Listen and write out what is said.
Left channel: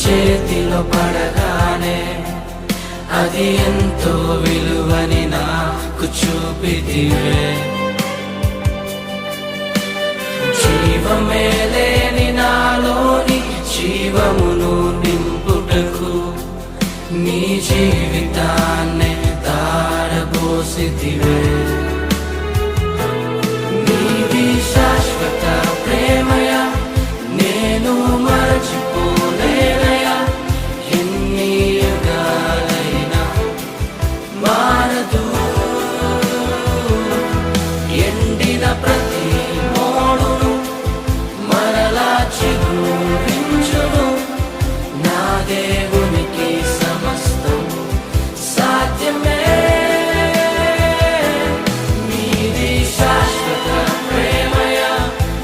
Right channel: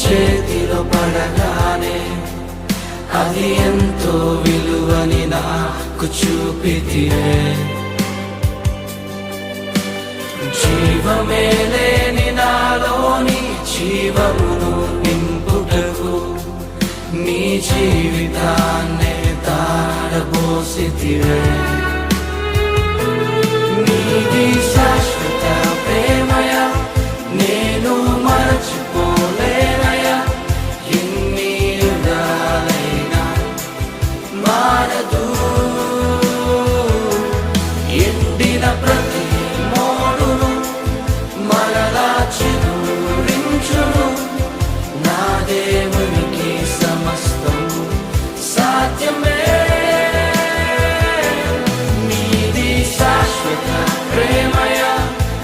చేతిలో పడగానే అది ఎంతో విలువని నాకు చూపితివే. జీవమే లేని నాలోని జీవమును నింపుటకు నీ జీవితాన్నే తారబోసితివే. నీది శాశ్వత ప్రేమయ నేను మరచిపోలేనయా. ఎన్ని యుగాలైనా మారదు. ఎండిన ప్రతి మోడును మరలా చిగురించును. నా దేవునికి సమస్తము సాధ్యమే. నీది శాశ్వత